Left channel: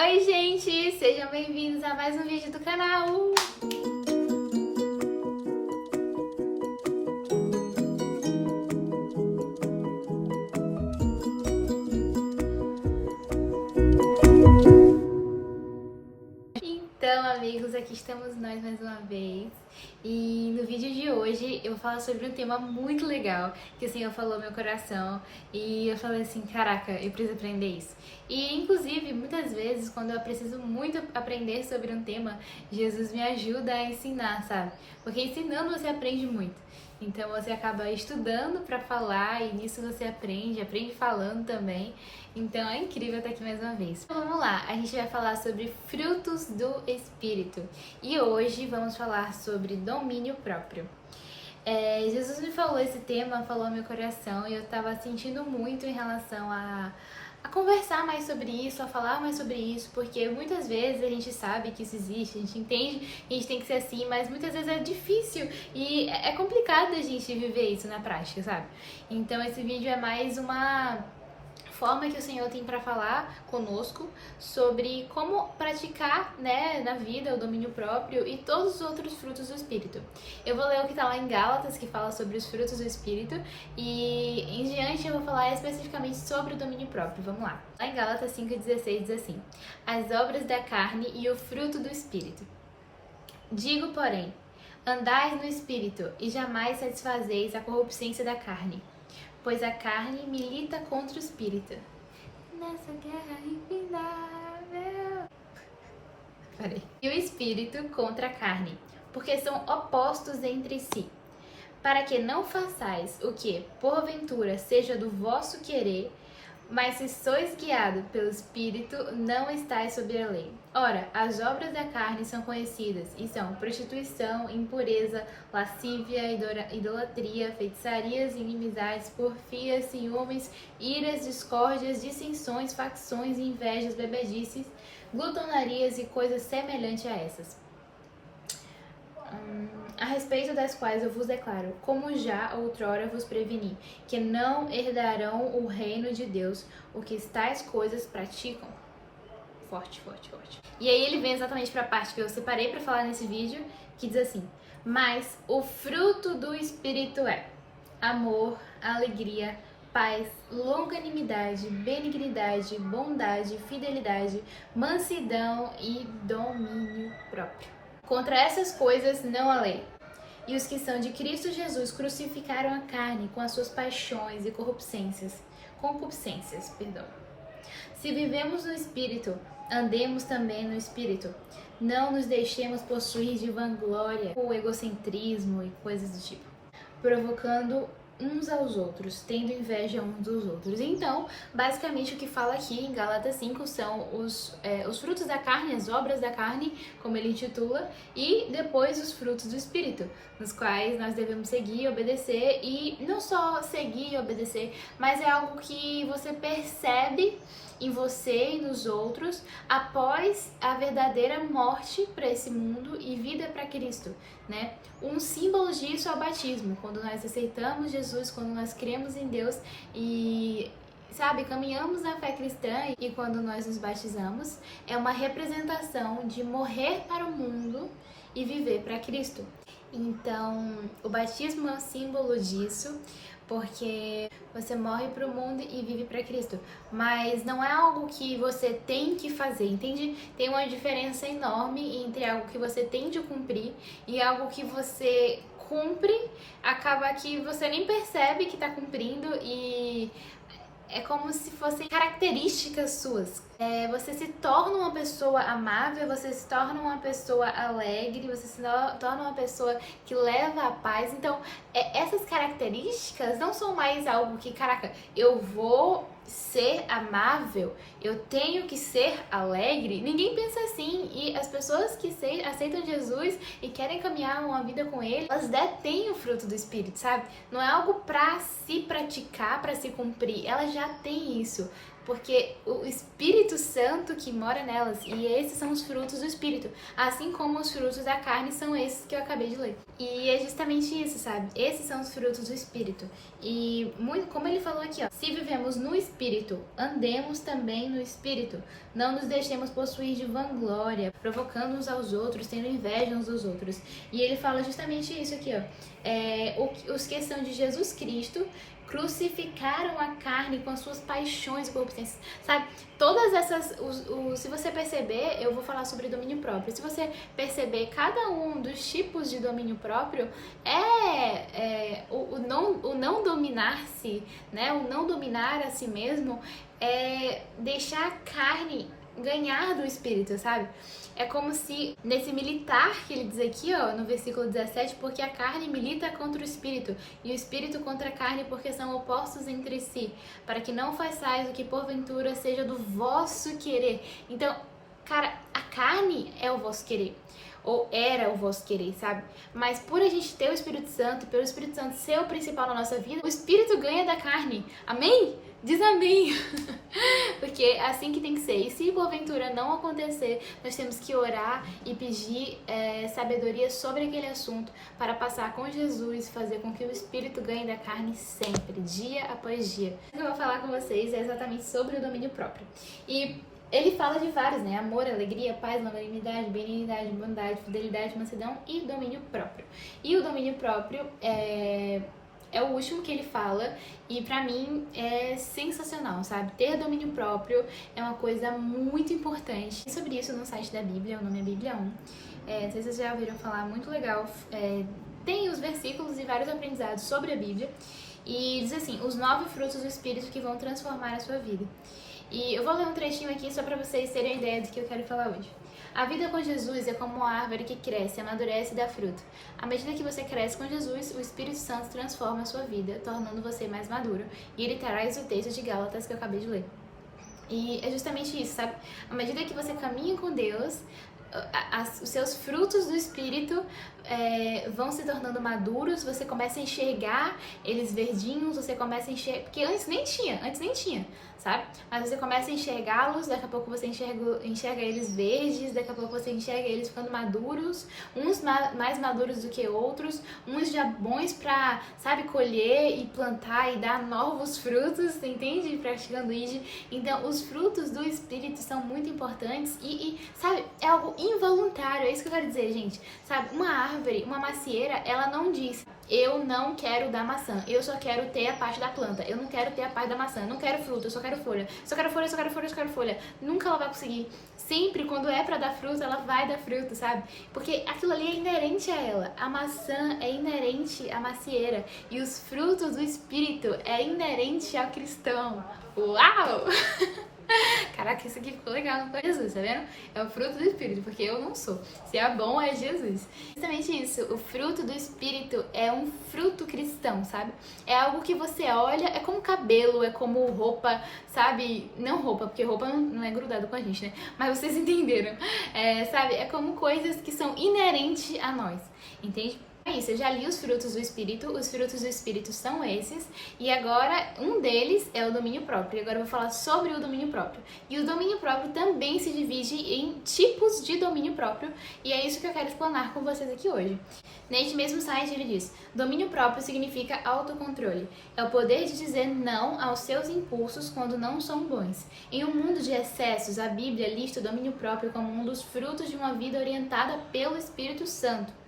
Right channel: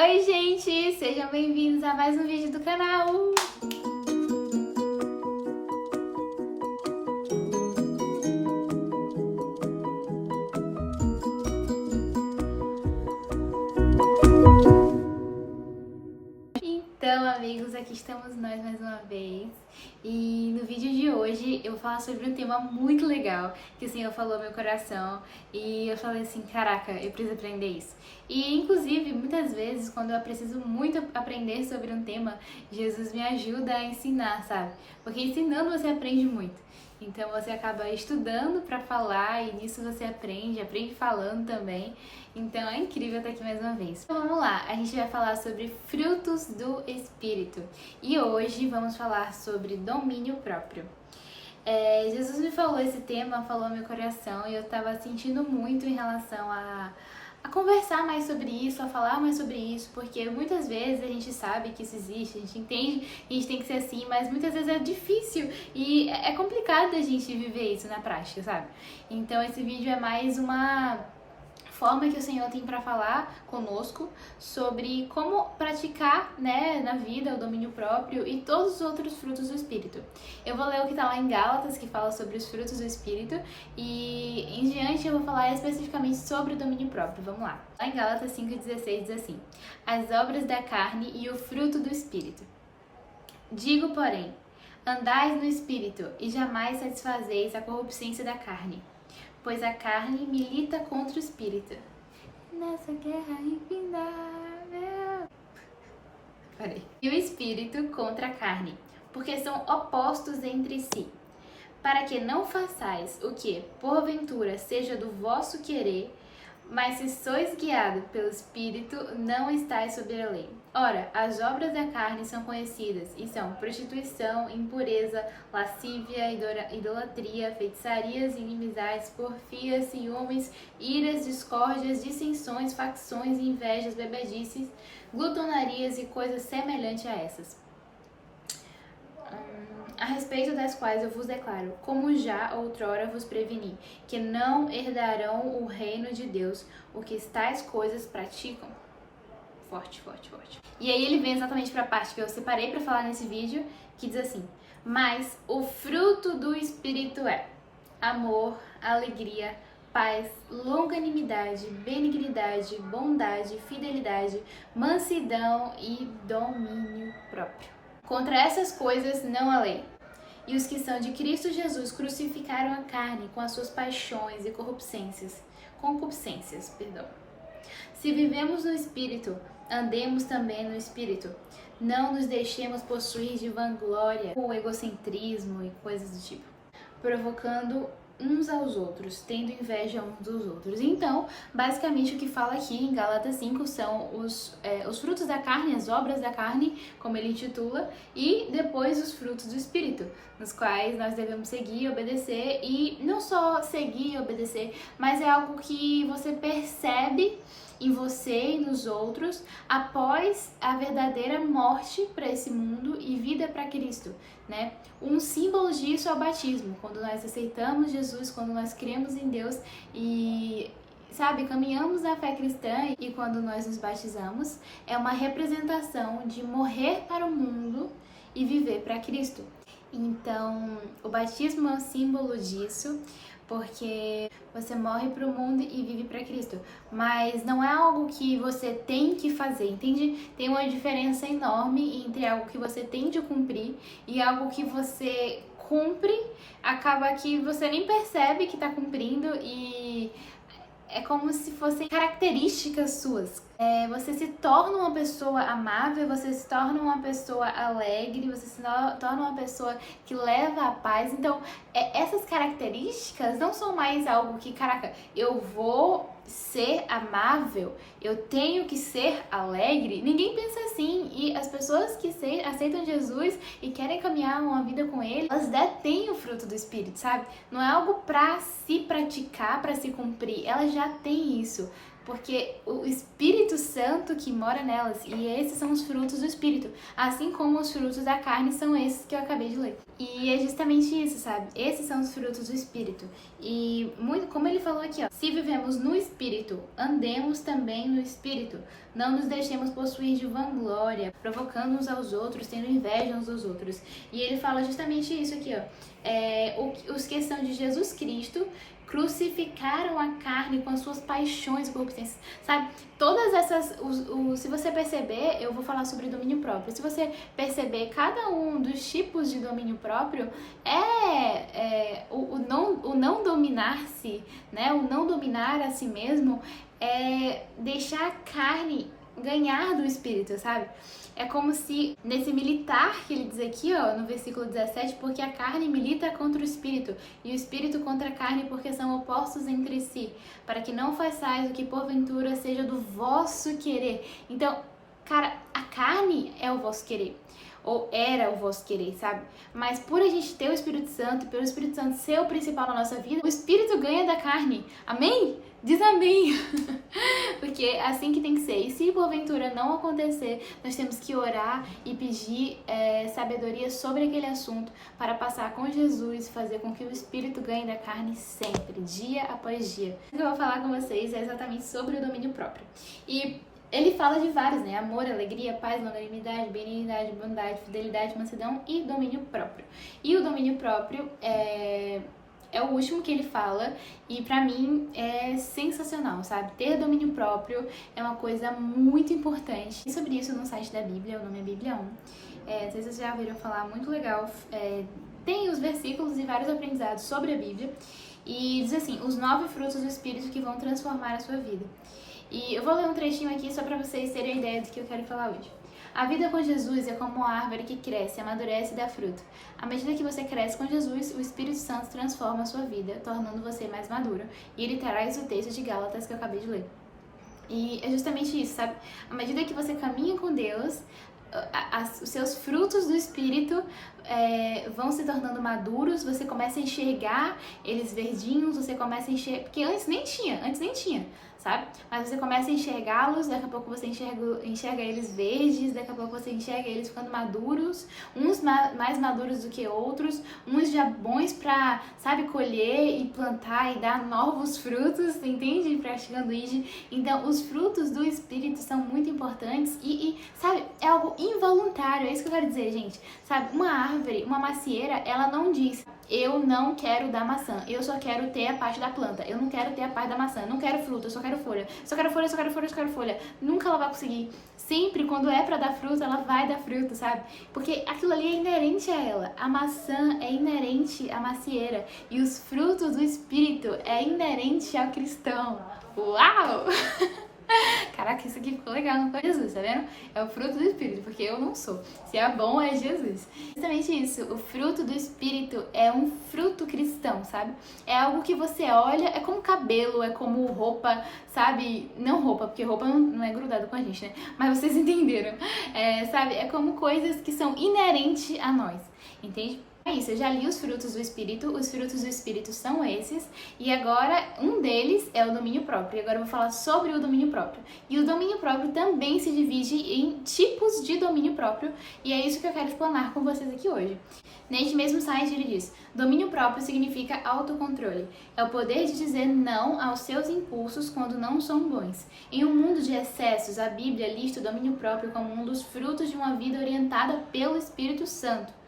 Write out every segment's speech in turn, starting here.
Oi, gente! Sejam bem-vindos a mais um vídeo do canal! Então, amigos, aqui estamos nós mais uma vez. E no vídeo de hoje eu vou falar sobre um tema muito legal que o Senhor falou no meu coração e eu falei assim, caraca, eu preciso aprender isso. E inclusive, muitas vezes, quando eu preciso muito aprender sobre um tema, Jesus me ajuda a ensinar, sabe? Porque ensinando você aprende muito. Então você acaba estudando para falar e nisso você aprende falando também. Então é incrível estar aqui mais uma vez. Então vamos lá, a gente vai falar sobre frutos do Espírito. E hoje vamos falar sobre domínio próprio. Jesus me falou esse tema, falou ao meu coração e eu estava sentindo muito em relação a conversar mais sobre isso, a falar mais sobre isso, porque muitas vezes a gente sabe que isso existe, a gente entende que a gente tem que ser assim, mas muitas vezes é difícil e é complicado a gente viver isso na prática, sabe? Então esse vídeo é mais uma forma que o Senhor tem para falar conosco sobre como praticar, né, na vida o domínio próprio e todos os outros frutos do Espírito. Eu vou ler o que está lá em Gálatas, que fala sobre os frutos do Espírito, e em diante eu vou falar especificamente sobre o domínio próprio. Vamos lá. Lá em Gálatas 5,16 diz assim: as obras da carne e o fruto do Espírito. Digo, porém, andais no Espírito e jamais satisfazeis a corruptência da carne. Pois a carne milita contra o espírito. Nessa guerra infindável. Parei. E o espírito contra a carne, porque são opostos entre si. Para que não façais o que, porventura, seja do vosso querer, mas se sois guiados pelo Espírito, não estáis sob a lei. Ora, as obras da carne são conhecidas, e são prostituição, impureza, lascívia, idolatria, feitiçarias, inimizades, porfias, ciúmes, iras, discórdias, dissensões, facções, invejas, bebedices, glutonarias e coisas semelhantes a essas. A respeito das quais eu vos declaro, como já outrora vos preveni, que não herdarão o reino de Deus o que tais coisas praticam. Forte, forte, forte. E aí ele vem exatamente para a parte que eu separei para falar nesse vídeo, que diz assim: mas o fruto do Espírito é amor, alegria, paz, longanimidade, benignidade, bondade, fidelidade, mansidão e domínio próprio. Contra essas coisas não há lei. E os que são de Cristo Jesus crucificaram a carne com as suas paixões e concupiscências. Se vivemos no Espírito, andemos também no Espírito. Não nos deixemos possuir de vanglória ou egocentrismo e coisas do tipo, provocando uns aos outros, tendo inveja uns dos outros. Então, basicamente o que fala aqui em Gálatas 5 são os frutos da carne, as obras da carne, como ele intitula, e depois os frutos do Espírito, nos quais nós devemos seguir e obedecer, e não só seguir e obedecer, mas é algo que você percebe em você e nos outros após a verdadeira morte para esse mundo e vida para Cristo, né? Um símbolo disso é o batismo, quando nós aceitamos Jesus, quando nós cremos em Deus e, sabe, caminhamos na fé cristã, e quando nós nos batizamos, é uma representação de morrer para o mundo e viver para Cristo. Então, o batismo é um símbolo disso, porque você morre para o mundo e vive para Cristo. Mas não é algo que você tem que fazer, entende? Tem uma diferença enorme entre algo que você tem de cumprir e algo que você cumpre, acaba que você nem percebe que está cumprindo e é como se fossem características suas. Você se torna uma pessoa amável, você se torna uma pessoa alegre, você se torna uma pessoa que leva a paz. Então, essas características não são mais algo que, caraca, eu vou ser amável, eu tenho que ser alegre. Ninguém pensa assim. E as pessoas que aceitam Jesus e querem caminhar uma vida com Ele, elas detêm o fruto do Espírito, sabe? Não é algo para se praticar, para se cumprir. Elas já têm isso, porque o Espírito Santo que mora nelas, e esses são os frutos do Espírito, assim como os frutos da carne são esses que eu acabei de ler. E é justamente isso, sabe? Esses são os frutos do Espírito. E muito, como ele falou aqui, ó, se vivemos no Espírito, andemos também no Espírito. Não nos deixemos possuir de vanglória, provocando uns aos outros, tendo inveja uns dos outros. E ele fala justamente isso aqui, ó. Os que são de Jesus Cristo crucificaram a carne com as suas paixões e concupiscências, sabe? Todas essas, se você perceber, eu vou falar sobre domínio próprio. Se você perceber, cada um dos tipos de domínio próprio o não dominar-se, né? O não dominar a si mesmo é deixar a carne ganhar do espírito, sabe? É como se, nesse militar que ele diz aqui, ó, no versículo 17, porque a carne milita contra o espírito, e o espírito contra a carne, porque são opostos entre si, para que não façais o que porventura seja do vosso querer. Então, cara, a carne é o vosso querer, ou era o vosso querer, sabe? Mas por a gente ter o Espírito Santo, pelo Espírito Santo ser o principal na nossa vida, o espírito ganha da carne. Amém? Diz amém! Porque é assim que tem que ser. E se porventura não acontecer, nós temos que orar e pedir sabedoria sobre aquele assunto para passar com Jesus e fazer com que o Espírito ganhe da carne sempre, dia após dia. O que eu vou falar com vocês é exatamente sobre o domínio próprio. E ele fala de vários, né? Amor, alegria, paz, longanimidade, benignidade, bondade, fidelidade, mansidão e domínio próprio. E o domínio próprio é o último que ele fala e pra mim é sensacional, sabe? Ter domínio próprio é uma coisa muito importante. E sobre isso no site da Bíblia, o nome é Bíblia 1. Não sei se vocês já ouviram falar, muito legal. Tem os versículos e vários aprendizados sobre a Bíblia. E diz assim, os 9 frutos do Espírito que vão transformar a sua vida. E eu vou ler um trechinho aqui só pra vocês terem a ideia do que eu quero falar hoje. A vida com Jesus é como uma árvore que cresce, amadurece e dá fruto. À medida que você cresce com Jesus, o Espírito Santo transforma a sua vida, tornando você mais maduro. E ele traz o texto de Gálatas que eu acabei de ler. E é justamente isso, sabe? À medida que você caminha com Deus, os seus frutos do Espírito vão se tornando maduros, você começa a enxergar eles verdinhos, você começa a enxergar... Porque antes nem tinha, sabe? Mas você começa a enxergá-los, daqui a pouco você enxerga eles verdes, daqui a pouco você enxerga eles ficando maduros, uns mais maduros do que outros, uns já bons pra, sabe, colher e plantar e dar novos frutos, entende? Praticando isso. Então, os frutos do Espírito são muito importantes e, sabe, é algo involuntário, é isso que eu quero dizer, gente. Sabe, uma árvore, uma macieira, ela não diz... Eu não quero dar maçã, eu só quero ter a parte da planta, eu não quero ter a parte da maçã, eu não quero fruta, eu só quero folha, só quero folha, só quero folha, só quero folha. Nunca ela vai conseguir. Sempre, quando é pra dar fruta, ela vai dar fruto, sabe? Porque aquilo ali é inerente a ela. A maçã é inerente à macieira e os frutos do Espírito é inerente ao cristão. Uau! Caraca, isso aqui ficou legal, não foi Jesus, tá vendo? É o fruto do Espírito, porque eu não sou. Se é bom, é Jesus. Justamente isso, o fruto do Espírito é um fruto cristão, sabe? É algo que você olha, é como cabelo, é como roupa, sabe? Não roupa, porque roupa não é grudado com a gente, né? Mas vocês entenderam. Sabe? É como coisas que são inerentes a nós, entende? É isso, eu já li os frutos do Espírito são esses, e agora um deles é o domínio próprio, e agora eu vou falar sobre o domínio próprio. E o domínio próprio também se divide em tipos de domínio próprio, e é isso que eu quero explanar com vocês aqui hoje. Neste mesmo site ele diz, domínio próprio significa autocontrole, é o poder de dizer não aos seus impulsos quando não são bons. Em um mundo de excessos, a Bíblia lista o domínio próprio como um dos frutos de uma vida orientada pelo Espírito Santo.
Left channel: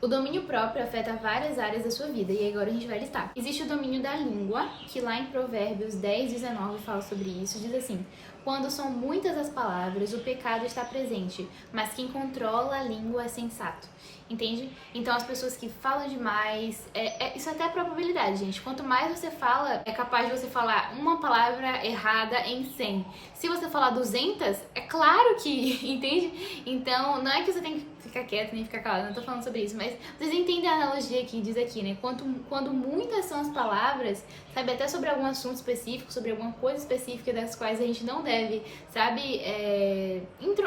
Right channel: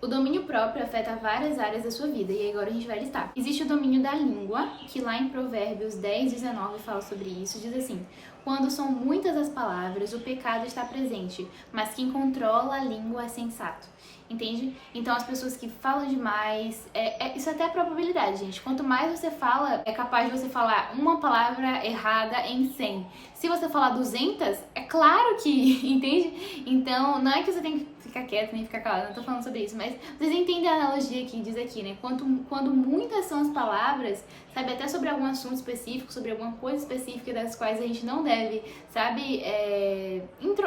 O domínio próprio afeta várias áreas da sua vida, e agora a gente vai listar. Existe o domínio da língua, que lá em Provérbios 10, 19 fala sobre isso, diz assim, quando são muitas as palavras, o pecado está presente, mas quem controla a língua é sensato. Entende? Então as pessoas que falam demais, isso até é probabilidade, gente. Quanto mais você fala, é capaz de você falar uma palavra errada em 100. Se você falar 200, é claro que, entende? Então não é que você tem que ficar quieto nem ficar calado, não tô falando sobre isso, mas vocês entendem a analogia que diz aqui, né? Quando muitas são as palavras, sabe, até sobre algum assunto específico, sobre alguma coisa específica das quais a gente não deve, sabe,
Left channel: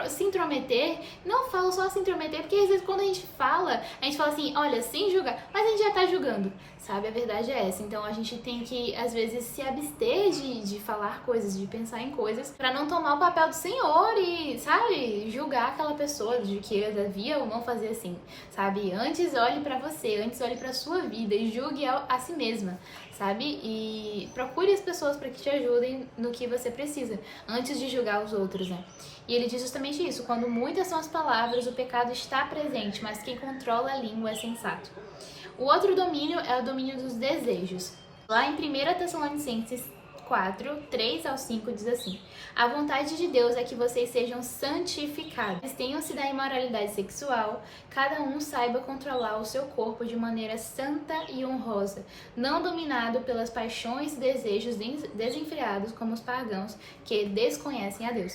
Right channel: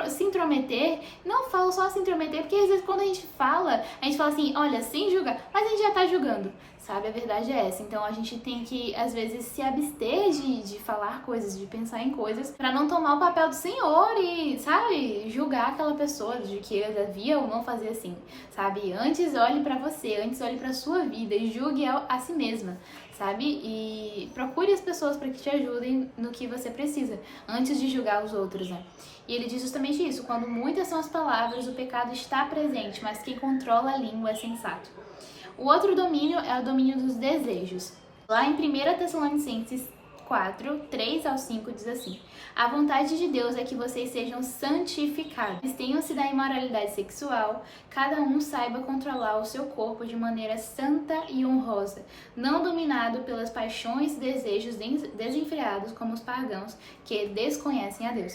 se intrometer. Não falo só se intrometer, porque às vezes quando a gente fala assim, olha, sem julgar, mas a gente já tá julgando, sabe? A verdade é essa. Então a gente tem que, às vezes, se abster de falar coisas, de pensar em coisas, pra não tomar o papel do Senhor e, sabe, julgar aquela pessoa de que devia ou não fazer assim, sabe? Antes olhe pra você, antes olhe pra sua vida e julgue a si mesma, sabe? E procure as pessoas para que te ajudem no que você precisa, antes de julgar os outros, né? E ele diz justamente isso: quando muitas são as palavras, o pecado está presente, mas quem controla a língua é sensato. O outro domínio é o domínio dos desejos. Lá em 1 Tessalonicenses 4, 3 ao 5 diz assim: a vontade de Deus é que vocês sejam santificados, tenham-se da imoralidade sexual, cada um saiba controlar o seu corpo de maneira santa e honrosa, não dominado pelas paixões e desejos desenfreados como os pagãos que desconhecem a Deus.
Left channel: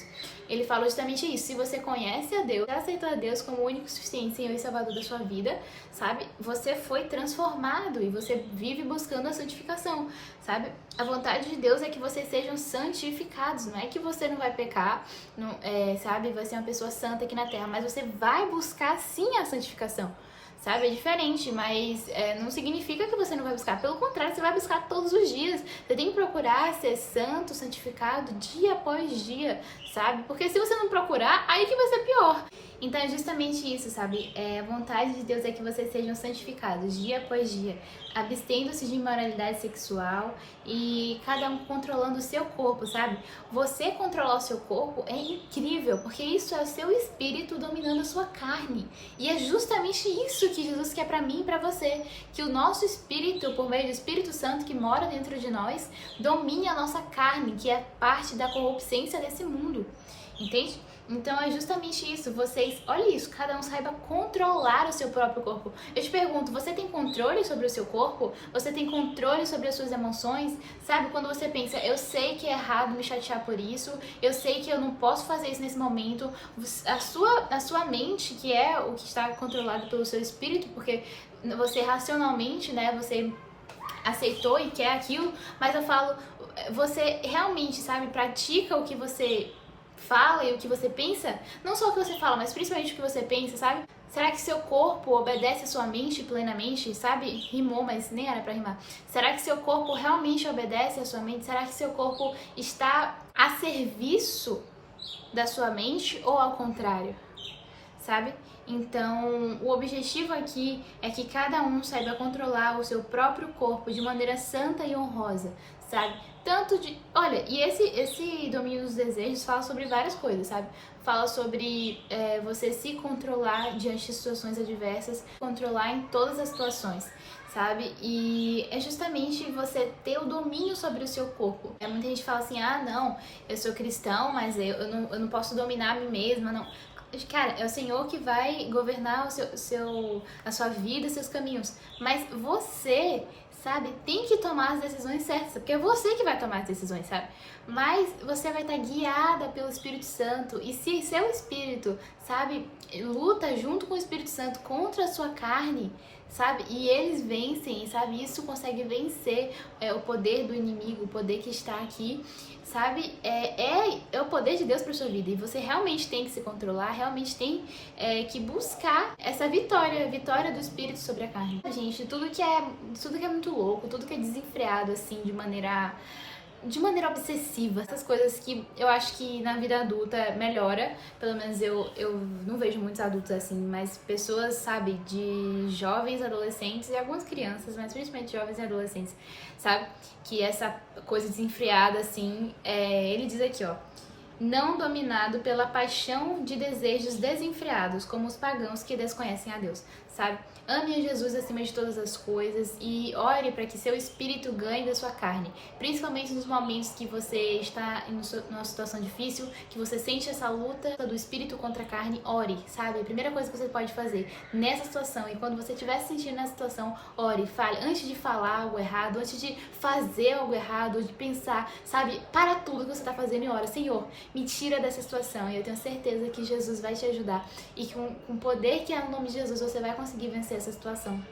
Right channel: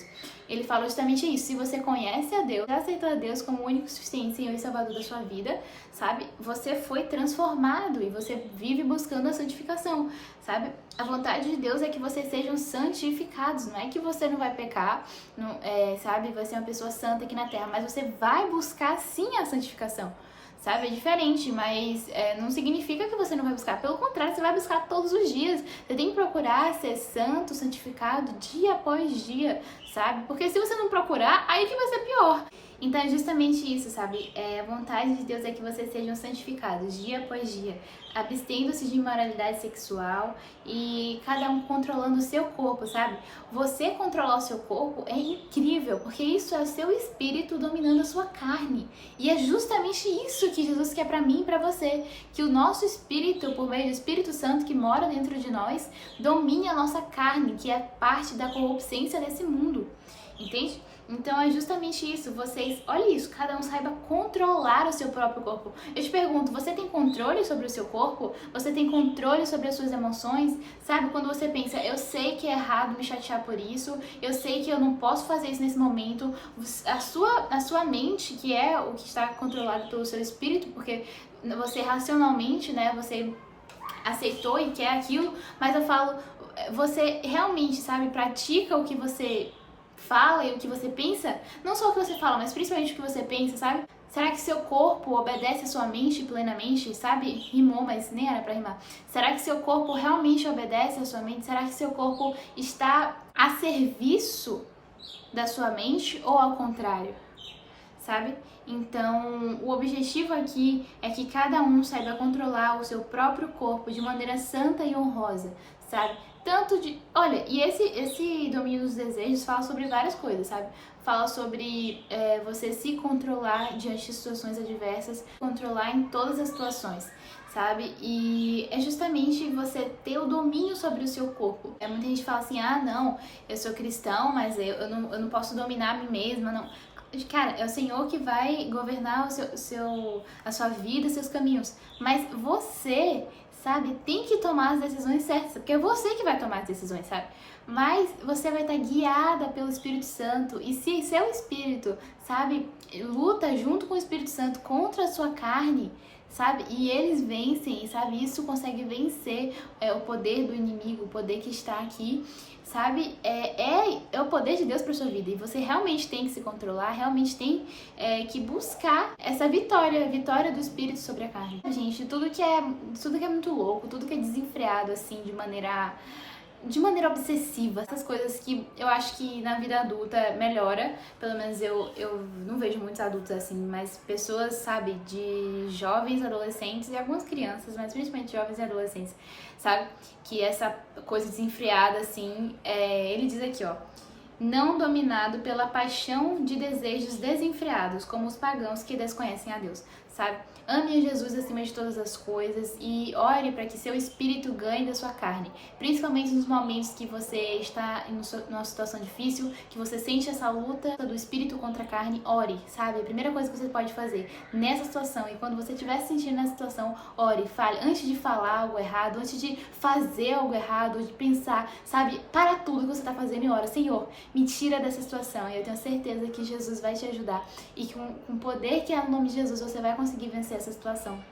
Ele fala justamente isso: se você conhece a Deus, já aceitou a Deus como o único, suficiente Senhor e Salvador da sua vida, sabe? Você foi transformado e você vive buscando a santificação, sabe? A vontade de Deus é que vocês sejam santificados, não é que você não vai pecar, não, sabe? Vai ser uma pessoa santa aqui na terra, mas você vai buscar sim a santificação, sabe? É diferente, mas não significa que você não vai buscar. Pelo contrário, você vai buscar todos os dias. Você tem que procurar ser santo, santificado, dia após dia, sabe? Porque se você não procurar, aí que vai ser pior. Então é justamente isso, sabe? A vontade de Deus é que vocês sejam santificados dia após dia, abstendo-se de imoralidade sexual e cada um controlando o seu corpo, sabe? Você controlar o seu corpo é incrível, porque isso é o seu espírito dominando a sua carne. E é justamente isso que Jesus quer pra mim e pra você, que o nosso espírito, por meio do Espírito Santo que mora dentro de nós, domine a nossa carne, que é parte da corruptência desse mundo. Entende? Então é justamente isso, vocês, olha isso, cada um saiba controlar o seu próprio corpo. Eu te pergunto, você tem controle sobre o seu corpo? Você tem controle sobre as suas emoções? Sabe, quando você pensa, eu sei que é errado me chatear por isso, eu sei que eu não posso fazer isso nesse momento, a sua mente, que é o que está controlado pelo seu espírito, porque você racionalmente, né, você aceitou e quer aquilo, mas eu falo, você realmente, sabe, pratica o que você fala e o que você pensa, não só o que você fala, mas principalmente o que você pensa, sabe? Será que seu corpo obedece a sua mente plenamente, sabe? Rimou, mas nem era pra rimar. Será que seu corpo realmente obedece a sua mente? Será que seu corpo está a serviço da sua mente ou ao contrário? Sabe? Então, o objetivo aqui é que cada um saiba controlar o seu próprio corpo de maneira santa e honrosa, sabe? Tanto de... Olha, e esse domínio dos desejos fala sobre várias coisas, sabe? Fala sobre você se controlar diante de situações adversas, controlar em todas as situações, sabe? E é justamente você ter o domínio sobre o seu corpo. Muita gente fala assim, ah, não, eu sou cristão, mas eu não posso dominar a mim mesma, não. Cara, é o Senhor que vai governar a sua vida, os seus caminhos. Mas você, sabe, tem que tomar as decisões certas, porque é você que vai tomar as decisões, sabe? Mas você vai estar guiada pelo Espírito Santo. E se seu espírito, sabe, luta junto com o Espírito Santo contra a sua carne, sabe? E eles vencem, sabe? Isso consegue vencer o poder do inimigo, o poder que está aqui, sabe? É o poder de Deus para sua vida. E você realmente tem que se controlar, realmente tem que buscar essa vitória, a vitória do Espírito sobre a carne. Gente, tudo que é muito louco, tudo que é desenfreado, assim, de maneira obsessiva, essas coisas que eu acho que na vida adulta melhora, pelo menos eu não vejo muitos adultos assim, mas pessoas, sabe, de jovens, adolescentes e algumas crianças, mas principalmente jovens e adolescentes, sabe, que essa coisa desenfreada assim, ele diz aqui, ó, não dominado pela paixão de desejos desenfreados, como os pagãos que desconhecem a Deus, sabe? Ame a Jesus acima de todas as coisas e ore para que seu espírito ganhe da sua carne, principalmente nos momentos que você está numa situação difícil, que você sente essa luta do espírito contra a carne, ore, sabe? A primeira coisa que você pode fazer nessa situação, e quando você estiver se sentindo nessa situação, ore, fale, antes de falar algo errado, antes de fazer algo errado, de pensar, sabe? Para tudo que você está fazendo e ora, Senhor, me tira dessa situação, e eu tenho certeza que Jesus vai te ajudar, e com o poder que é no nome de Jesus, você vai conseguir vencer essa situação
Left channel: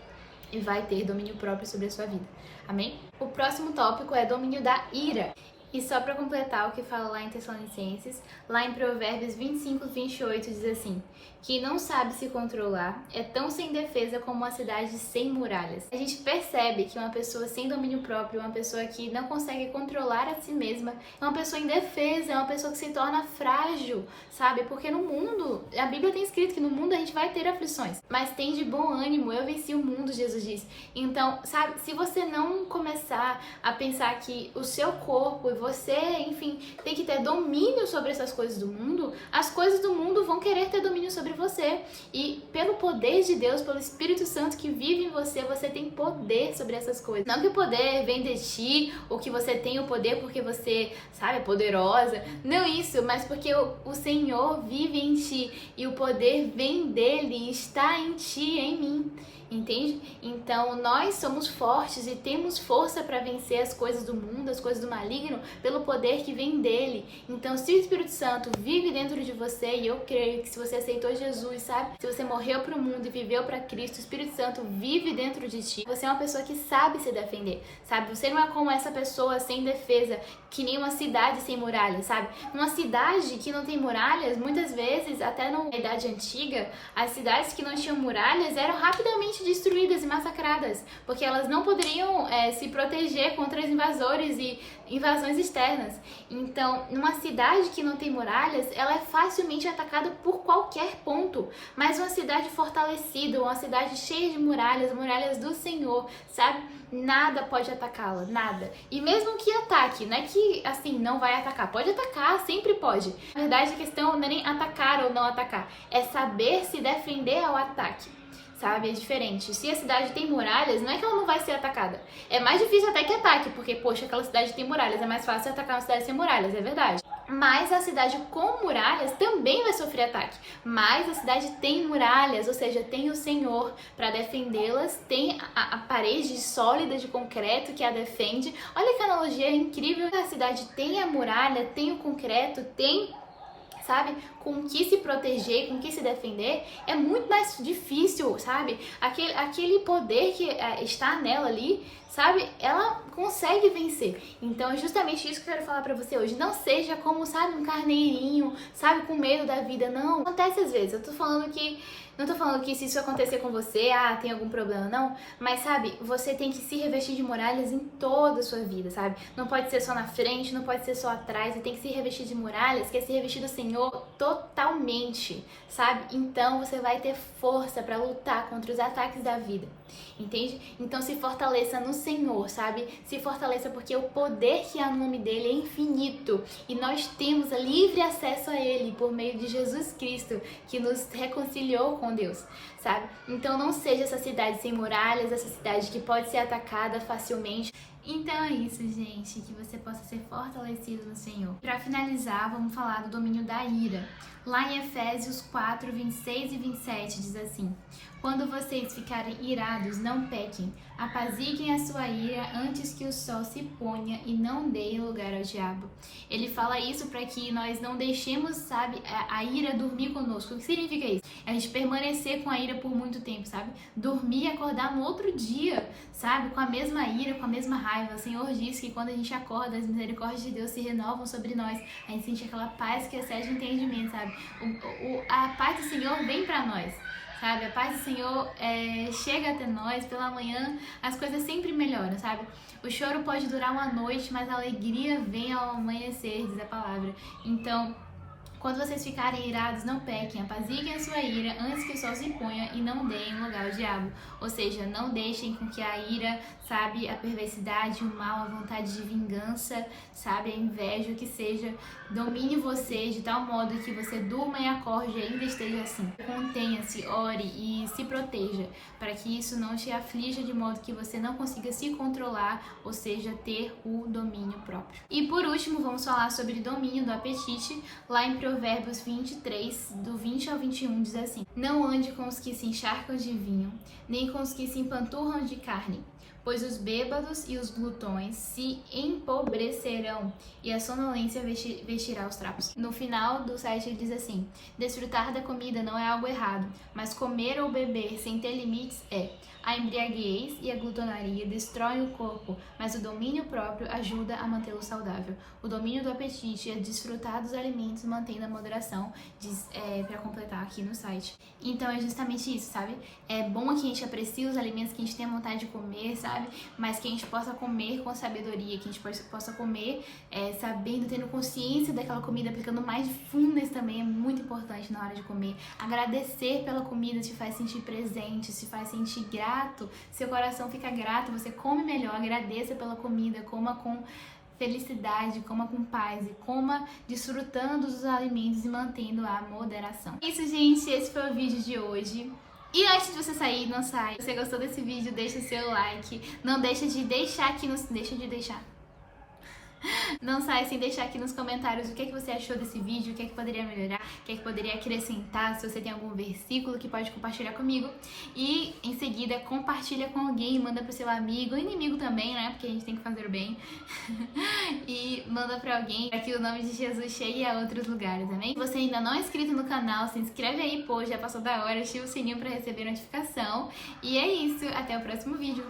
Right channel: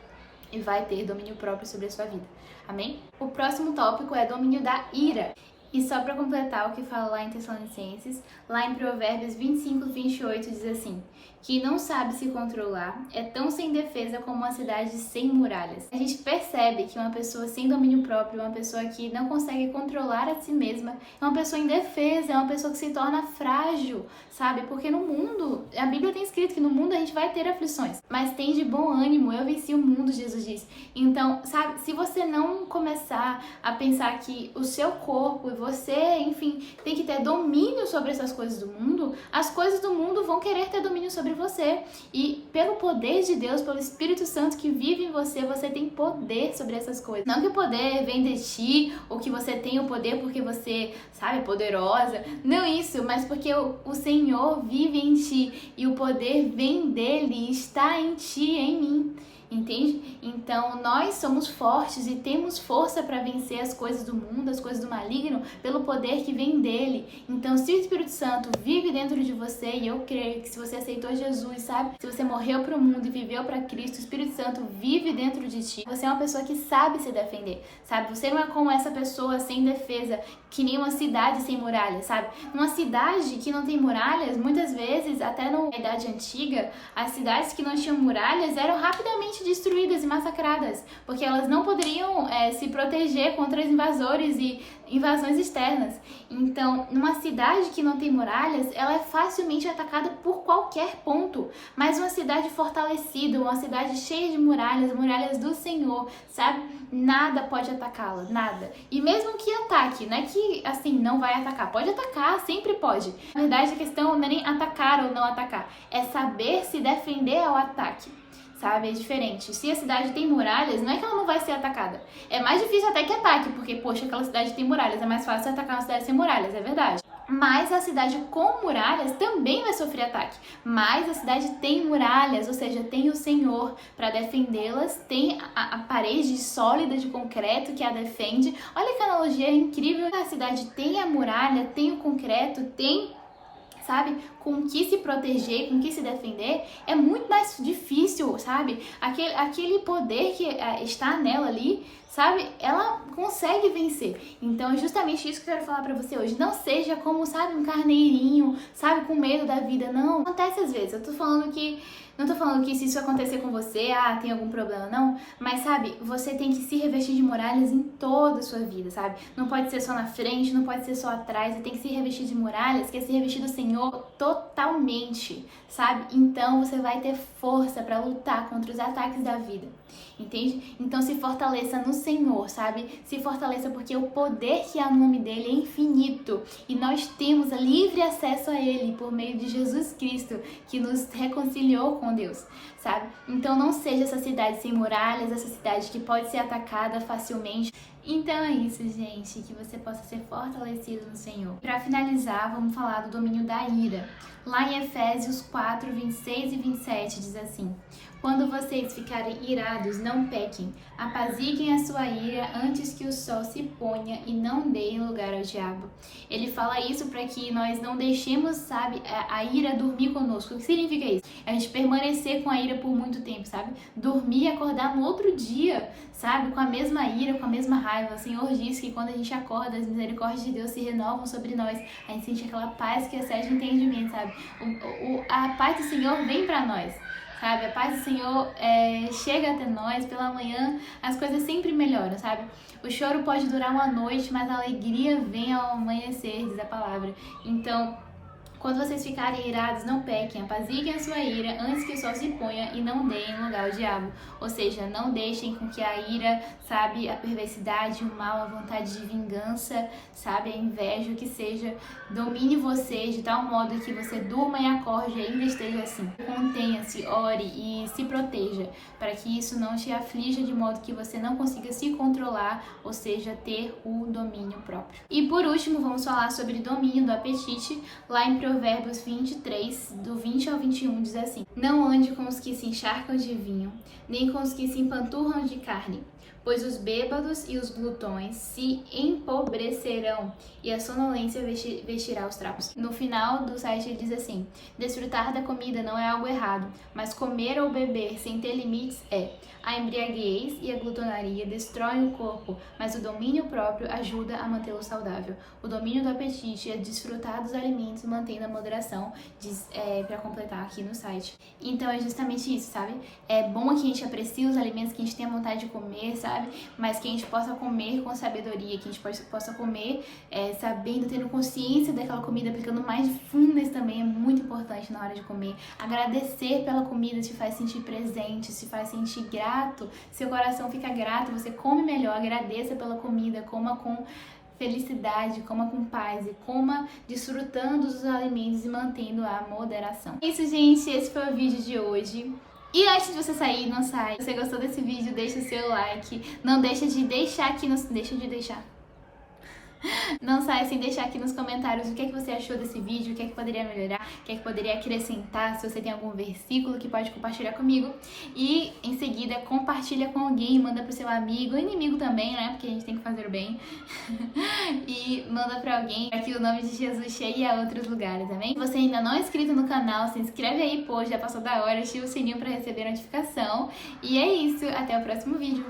e vai ter domínio próprio sobre a sua vida. Amém? O próximo tópico é domínio da ira. E só para completar o que fala lá em Tessalonicenses, lá em Provérbios 25:28 diz assim: quem não sabe se controlar é tão sem defesa como uma cidade sem muralhas. A gente percebe que uma pessoa sem domínio próprio, uma pessoa que não consegue controlar a si mesma, é uma pessoa indefesa, é uma pessoa que se torna frágil, sabe? Porque no mundo, a Bíblia tem escrito que no mundo a gente vai ter aflições, mas tem de bom ânimo, eu venci o mundo, Jesus diz. Então, sabe, se você não começar a pensar que o seu corpo e você, enfim, tem que ter domínio sobre essas coisas do mundo, as coisas do mundo vão querer ter domínio sobre você. E pelo poder de Deus, pelo Espírito Santo que vive em você, você tem poder sobre essas coisas. Não que o poder vem de ti, ou que você tem o poder porque você, sabe, é poderosa. Não isso, mas porque o Senhor vive em ti e o poder vem dele, está em ti, em mim. Entende? Então, nós somos fortes e temos força para vencer as coisas do mundo, as coisas do maligno, pelo poder que vem dele. Então, se o Espírito Santo vive dentro de você, e eu creio que se você aceitou Jesus, sabe? Se você morreu para o mundo e viveu para Cristo, o Espírito Santo vive dentro de ti. Você é uma pessoa que sabe se defender, sabe? Você não é como essa pessoa sem defesa, que nem uma cidade sem muralhas, sabe? Uma cidade que não tem muralhas, muitas vezes, até na Idade Antiga, as cidades que não tinham muralhas eram rapidamente destruídas e massacradas, porque elas não poderiam se proteger contra os invasores e invasões externas. Então, numa cidade que não tem muralhas, ela é facilmente atacada por qualquer ponto, mas uma cidade fortalecida, uma cidade cheia de muralhas, muralhas do Senhor, sabe? Nada pode atacá-la, nada. E mesmo que ataque, não é que assim, não vai atacar, pode atacar, sempre pode. Na verdade, a questão não é nem atacar ou não atacar, é saber se defender ao ataque. Sabe? É diferente. Se a cidade tem muralhas, não é que ela não vai ser atacada. É mais difícil até que ataque, porque, poxa, aquela cidade tem muralhas. É mais fácil atacar uma cidade sem muralhas, é verdade. Mas a cidade com muralhas também vai sofrer ataque. Mas a cidade tem muralhas, ou seja, tem o Senhor para defendê-las, tem a parede sólida de concreto que a defende. Olha que analogia incrível. A cidade tem a muralha, tem o concreto, tem, sabe, com que se proteger, com que se defender, é muito mais difícil, sabe? Aquele poder que está nela ali, sabe? Ela consegue vencer. Então é justamente isso que eu quero falar pra você hoje. Não seja como, sabe, um carneirinho, sabe, com medo da vida. Não, acontece às vezes. Não tô falando que se isso acontecer com você, tem algum problema, não. Mas, sabe, você tem que se revestir de muralhas em toda a sua vida, sabe? Não pode ser só na frente, não pode ser só atrás. Você tem que se revestir de muralhas, que é se revestir do Senhor totalmente, sabe? Então, você vai ter força pra lutar contra os ataques da vida. Entende? Então se fortaleça no Senhor, sabe? Se fortaleça porque o poder que há no nome dele é infinito e nós temos livre acesso a ele por meio de Jesus Cristo, que nos reconciliou com Deus, sabe? Então não seja essa cidade sem muralhas, essa cidade que pode ser atacada facilmente. Então é isso, gente, que você possa ser fortalecido no Senhor. Para finalizar, vamos falar do domínio da ira. Lá em Efésios 4, 26 e 27 diz assim: quando vocês ficarem irados, não pequem. Apaziguem a sua ira antes que o sol se ponha e não deem lugar ao diabo. Ele fala isso para que nós não deixemos, sabe, a ira dormir conosco. O que significa isso? A gente permanecer com a ira por muito tempo, sabe? Dormir e acordar no outro dia, sabe? Com a mesma ira, com a mesma raiva. O Senhor diz que quando a gente acorda, as misericórdias de Deus se renovam sobre nós. A gente sente aquela paz que excede o entendimento, sabe? A paz do Senhor vem para nós. Sabe, a paz do Senhor chega até nós, pela manhã as coisas sempre melhoram, sabe? O choro pode durar uma noite, mas a alegria vem ao amanhecer, diz a palavra. Então, quando vocês ficarem irados, não pequem, apaziguem a sua ira antes que o sol se ponha e não deem lugar ao diabo. Ou seja, não deixem com que a ira, sabe, a perversidade, o mal, a vontade de vingança, sabe, a inveja, o que seja, domine você de tal modo que você durma e acorde e ainda esteja assim. Contenha-se, ore e se proteja, para que isso não te aflija de modo que você não consiga se controlar, ou seja, ter o domínio próprio. E por último, vamos falar sobre domínio do apetite. Lá em Provérbios 23, do 20 ao 21, diz assim: não ande com os que se encharcam de vinho, nem com os que se empanturram de carne, pois os bêbados e os glutões se empobrecerão e a sonolência vestirá os trapos. No final do site ele diz assim: desfrutar da comida não é algo errado, mas comer ou beber sem ter limites é. A embriaguez e a glutonaria destroem o corpo, mas o domínio próprio ajuda a mantê-lo saudável. O domínio do apetite é desfrutar dos alimentos mantendo a moderação, diz para completar aqui no site. Então é justamente isso, sabe? É bom que a gente aprecie os alimentos que a gente tem vontade de comer, sabe? Mas que a gente possa comer com sabedoria, que a gente possa comer sabendo, tendo consciência daquela comida, aplicando mindfulness também é muito importante na hora de comer. Agradecer pela comida te faz sentir presente, te faz sentir grato, seu coração fica grato, você come melhor, agradeça pela comida, coma com felicidade, coma com paz e coma desfrutando dos alimentos e mantendo a moderação. É isso, gente, esse foi o vídeo de hoje. E antes de você sair, não sai. Se você gostou desse vídeo, deixa o seu like. Não deixa de deixar aqui nos... Não sai sem deixar aqui nos comentários o que é que você achou desse vídeo, o que é que poderia melhorar, o que é que poderia acrescentar, se você tem algum versículo que pode compartilhar comigo. E em seguida compartilha com alguém, manda pro seu amigo, inimigo também, né? Porque a gente tem que fazer o bem. E manda pra alguém para que o nome de Jesus chegue a outros lugares, também. Se você ainda não é inscrito no canal, se inscreve aí, pô, já passou da hora, ativa o sininho pra receber notificação. E é isso, até o próximo vídeo.